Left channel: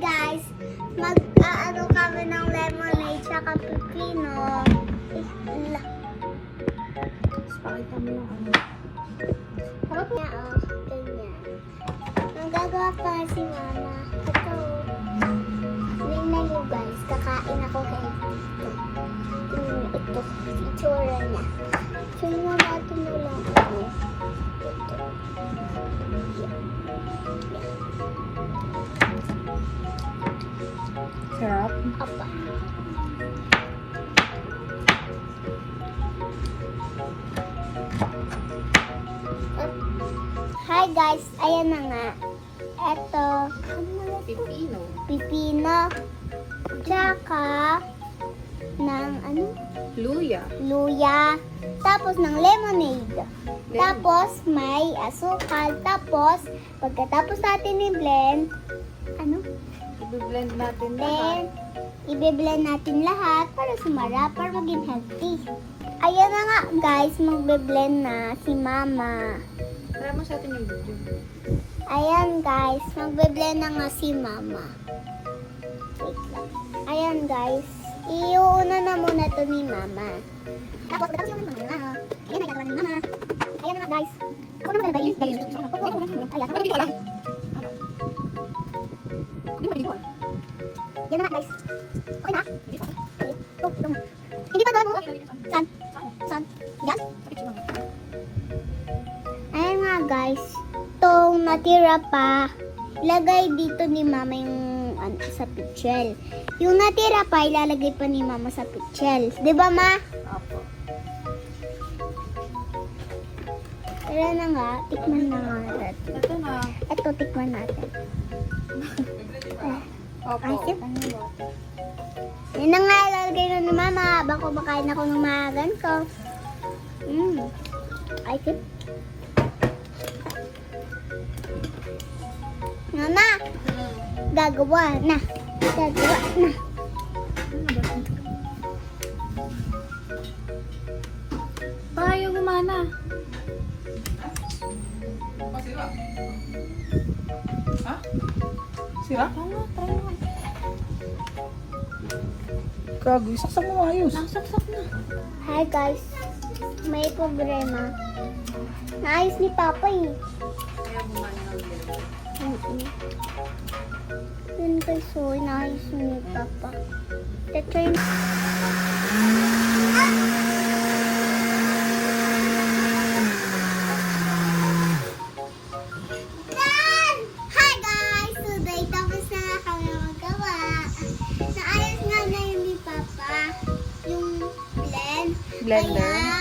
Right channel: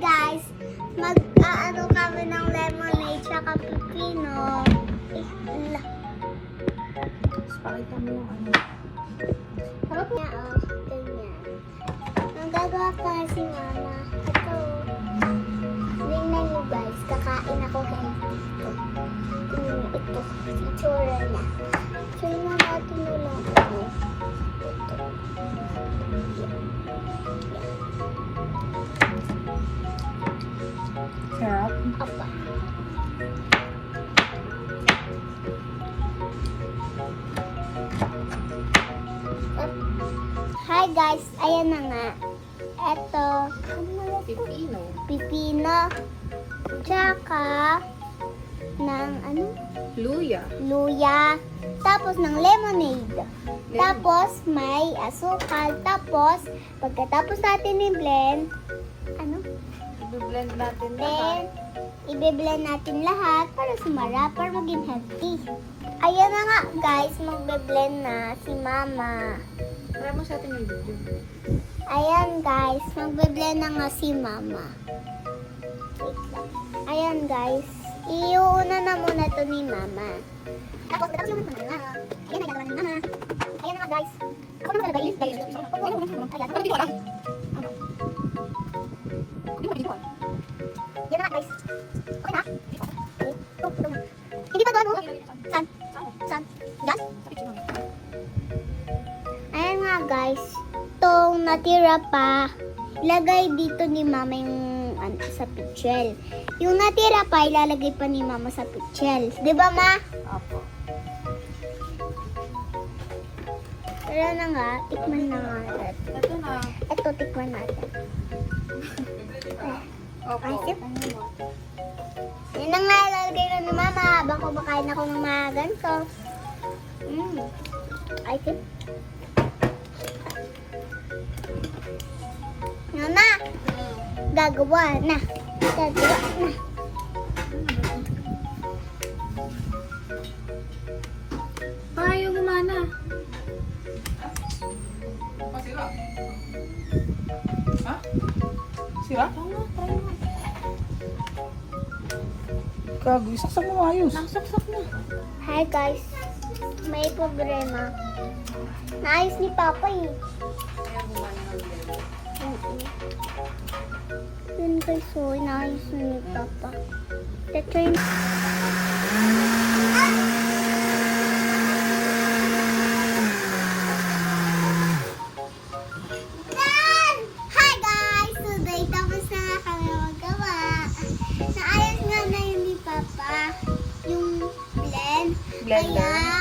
guys, mag-ano kami ng lemonade tsaka pipino. Pakita mo yung ano. Nagagawa pa si mama. Ito. Tingnan niyo guys, kakain ako ngayon. Ito, itsura niya. Tingnan natin na lang ito. Sarap. Apa. Hi guys, ayan na nga. Ito, Pipino. pipino, tsaka ng ano? Luya. Luya, tapos ng lemonade. Tapos may asukal. Tapos, pagkatapos natin i-blend, ano? I-blend natin Then, lahat. i-blend natin lahat para sumara, para maging healthy. Ayan na nga guys, magbe-blend na si mama. Tara mo sa atin yung video. Ayan guys, magbe-blend na nga si mama. Wait lang. Ayan guys, iuuna na muna to ni mama. Tapos, pagkatapos naman mama. Ayan, nagagawa ni mama. Ayan na nga guys. Ako naman talaga guys. Ayan, hindi ko alam. Yan na nga guys. Okay na? Hindi pa doon, oh. Saan? Saan? Yan? Ayan nga guys. Itong natira pa, ilagay dito ni mama yung sa pichel. Yung natira pa, ilalagay pa ni mama sa pichel. Diba ma? Opo. Ayan na nga, tikman na nga natin. Ito na. Ito, tikman natin. Opo. Ay, sip. Yun ang nalalagay na ni mama habang kumakain ako ng mga ganito. Ay, sip. Mama, gagawa na. Gagawa na. Tayo gumana. Ha? Sira? Kagi, saksak mo ayos. Saksak na. Hi guys, may problema. Naayos ni Papa eh. Yun guys, so naayos na ni Papa. Ito yung... Hi guys! Today tapos na kami magawa. Naayos nga na yun ni Papa yung blend. Blender. Kaya